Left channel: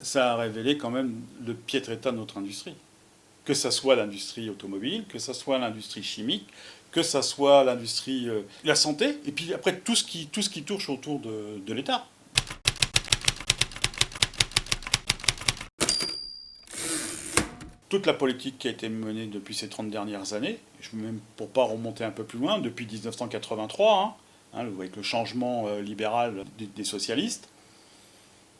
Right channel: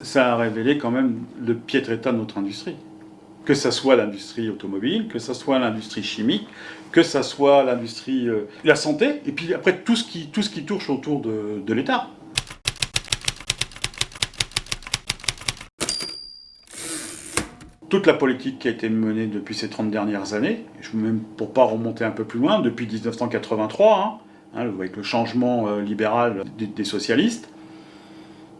Ça a révélé quand même le piètre état de notre industrie. Que ça soit l'industrie automobile, que ça soit l'industrie chimique, que ça soit l'industrie, la santé, et puis après tout ce qui touche autour de l'État. Toute la politique qui a été menée depuis ces 30 dernières années, même pour ne pas remonter un peu plus loin, depuis 1983, avec le changement libéral des socialistes,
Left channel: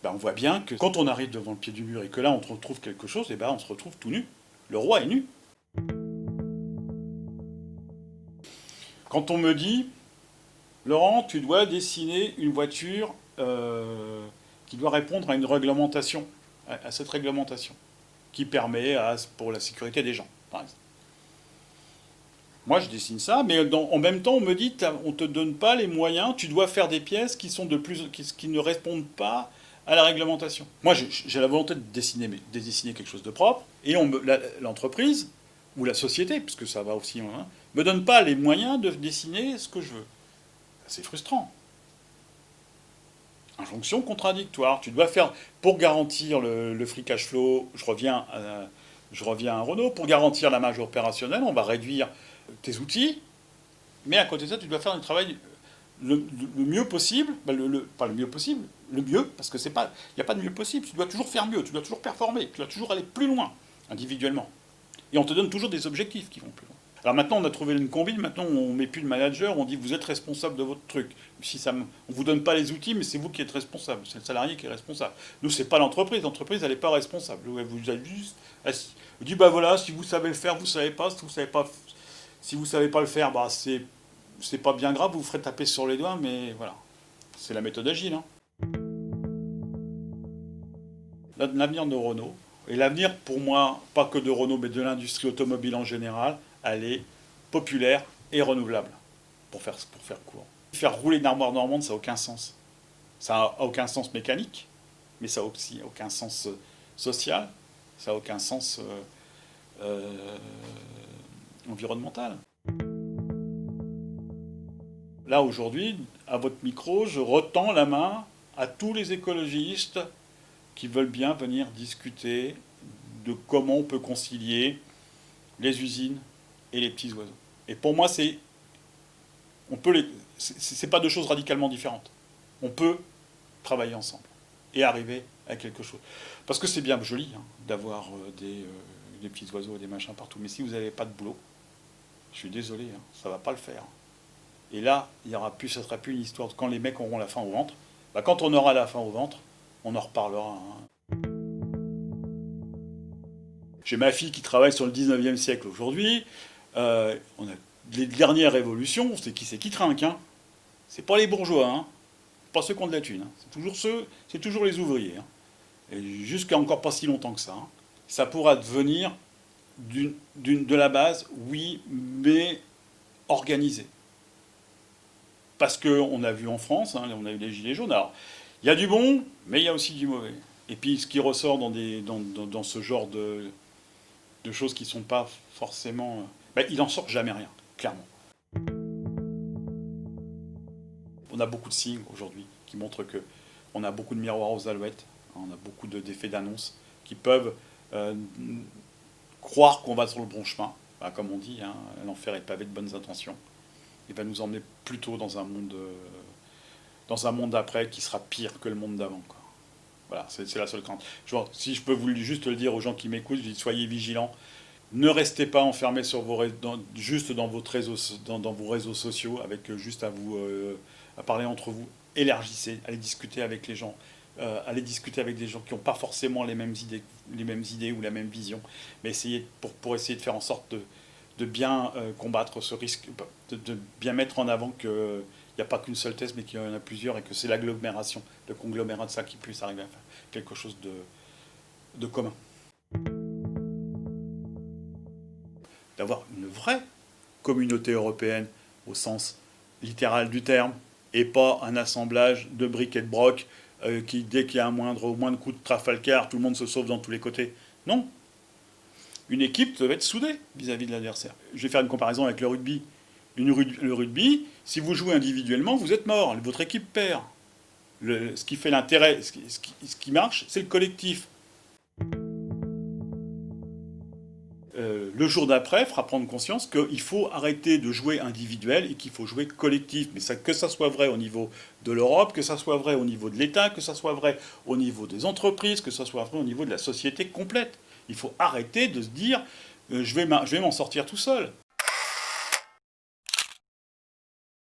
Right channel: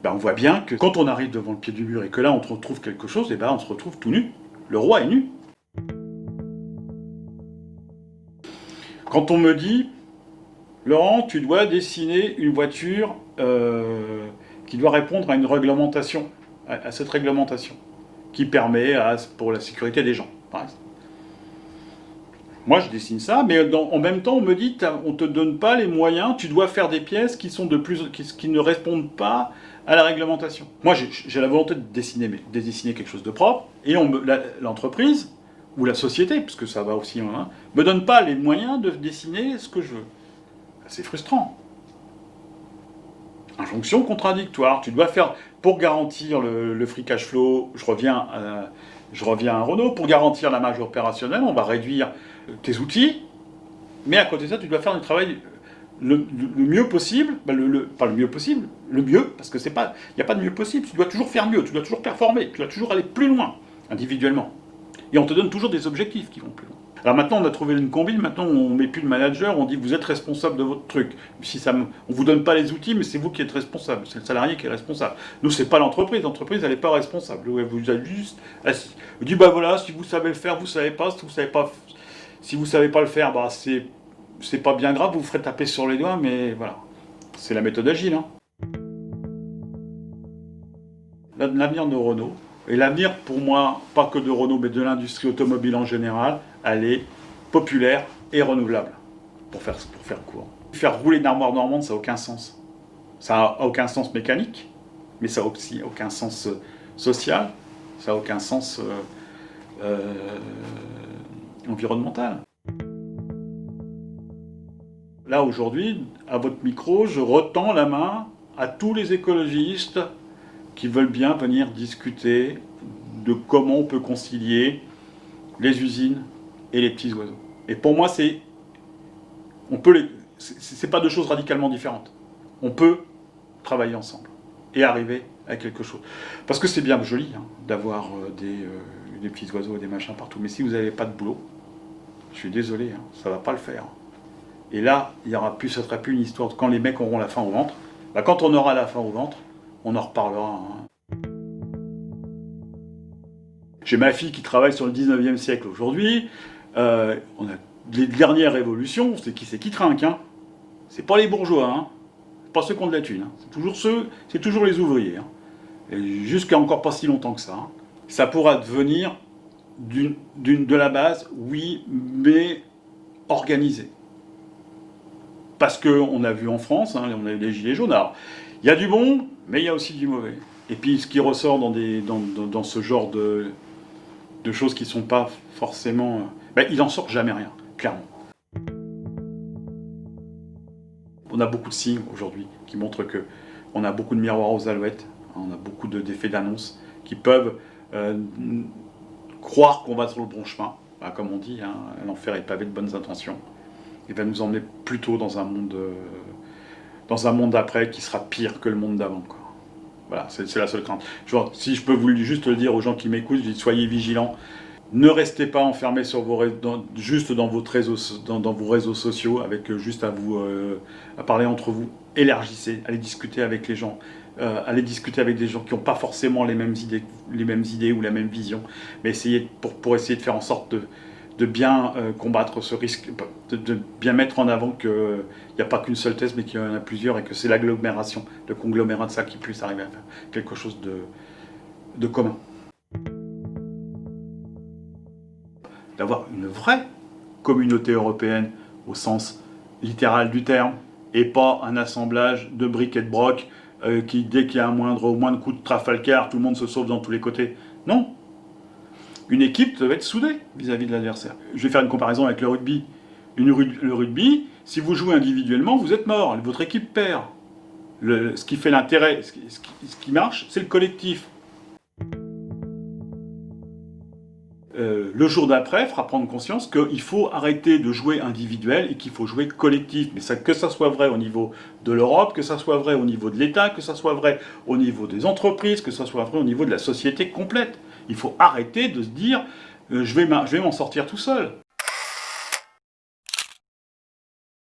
ben on voit bien que quand on arrive devant le pied du mur et que là on retrouve quelque chose, et ben on se retrouve tout nu. Le roi est nu. Quand on me dit, Laurent, tu dois dessiner une voiture qui doit répondre à une réglementation, à cette réglementation, qui permet pour la sécurité des gens. Moi, je dessine ça, mais en même temps, on me dit, on ne te donne pas les moyens, tu dois faire des pièces qui ne répondent pas à la réglementation. Moi, j'ai la volonté de dessiner quelque chose de propre, et l'entreprise, ou la société, parce que ça va aussi, me donne pas les moyens de dessiner ce que je veux. C'est frustrant. Injonction contradictoire. Tu dois faire, pour garantir le free cash flow, je reviens à Renault, pour garantir la marge opérationnelle, on va réduire tes outils, mais à côté de ça, tu dois faire un travail le mieux possible, pas le mieux possible, le mieux, parce que il n'y a pas de mieux possible, tu dois toujours faire mieux, tu dois toujours performer, tu dois toujours aller plus loin, individuellement. Et on te donne toujours des objectifs qui vont plus loin. Alors maintenant, on a trouvé une combine, maintenant on ne met plus de manager, on dit vous êtes responsable de votre truc. On ne vous donne pas les outils, mais c'est vous qui êtes responsable, c'est le salarié qui est responsable. Nous, c'est pas l'entreprise elle n'est pas responsable. Vous êtes juste assis. Vous dites, bah voilà, si vous savez le faire, vous savez pas, si vous savez pas le faire, bah c'est pas bien grave, vous vous ferez taper sur les doigts, mais voilà. C'est la méthode agile. L'avenir de Renault, et l'avenir pour moi, pas que de Renault, mais de l'industrie automobile en général, elle est populaire et renouvelable, pour faire court. Faire rouler une armoire normande, ça n'a aucun sens. Ça n'a aucun sens mécanique, mais ça n'a aussi aucun sens social, ça n'a aucun sens environnemental. Là, aujourd'hui, à votre micro, je retends la main à tous les écologistes qui veulent bien venir discuter de comment on peut concilier les usines et les petits oiseaux. Et pour moi, c'est pas deux choses radicalement différentes. On peut travailler ensemble et arriver à quelque chose. Parce que c'est bien joli d'avoir des petits oiseaux et des machins partout. Mais si vous n'avez pas de boulot, je suis désolé, ça ne va pas le faire. Et là, ça ne sera plus une histoire quand les mecs auront la faim au ventre. Bah, quand on aura la faim au ventre, on en reparlera. J'ai ma fille qui travaille sur le 19e siècle aujourd'hui. On a les dernières révolutions, c'est qui trinque. C'est pas les bourgeois, c'est pas ceux qui ont de la thune. C'est toujours les ouvriers. Et jusqu'à encore pas si longtemps que ça. Ça pourra devenir de la base, oui, mais organisé. Parce qu'on a vu en France, on a eu les gilets jaunes. Alors, il y a du bon, mais il y a aussi du mauvais. Et puis, ce qui ressort dans ce genre de choses qui ne sont pas forcément... il n'en sort jamais rien, clairement. On a beaucoup de signes aujourd'hui qui montrent qu'on a beaucoup de miroirs aux alouettes, on a beaucoup d'effets d'annonce qui peuvent croire qu'on va sur le bon chemin. Comme on dit, l'enfer est pavé de bonnes intentions. Il va nous emmener plutôt dans un monde d'après qui sera pire que le monde d'avant. Voilà, c'est la seule crainte. Si je peux juste le dire aux gens qui m'écoutent, je dis soyez vigilants. Ne restez pas enfermés juste dans vos réseaux sociaux, avec juste à parler entre vous. Élargissez, allez discuter avec les gens. Allez discuter avec des gens qui n'ont pas forcément les mêmes idées ou la même vision. Mais essayez pour essayer de faire en sorte de bien combattre ce risque, de bien mettre en avant qu'il n'y a pas qu'une seule thèse, mais qu'il y en a plusieurs, et que c'est l'agglomération, le conglomérat de ça qui puisse arriver à faire quelque chose de commun. D'avoir une vraie communauté européenne au sens littéral du terme, et pas un assemblage de briques et de brocs qui, dès qu'il y a au moindre coup de Trafalgar, tout le monde se sauve dans tous les côtés. Non. Une équipe doit être soudée vis-à-vis de l'adversaire. Je vais faire une comparaison avec le rugby. Le rugby, si vous jouez individuellement, vous êtes mort, votre équipe perd. Ce qui fait l'intérêt, ce qui marche, c'est le collectif. Le jour d'après fera prendre conscience qu'il faut arrêter de jouer individuel et qu'il faut jouer collectif. Mais que ça soit vrai au niveau de l'Europe, que ça soit vrai au niveau de l'État, que ça soit vrai au niveau des entreprises, que ça soit vrai au niveau de la société complète. Il faut arrêter de se dire je vais m'en sortir tout seul.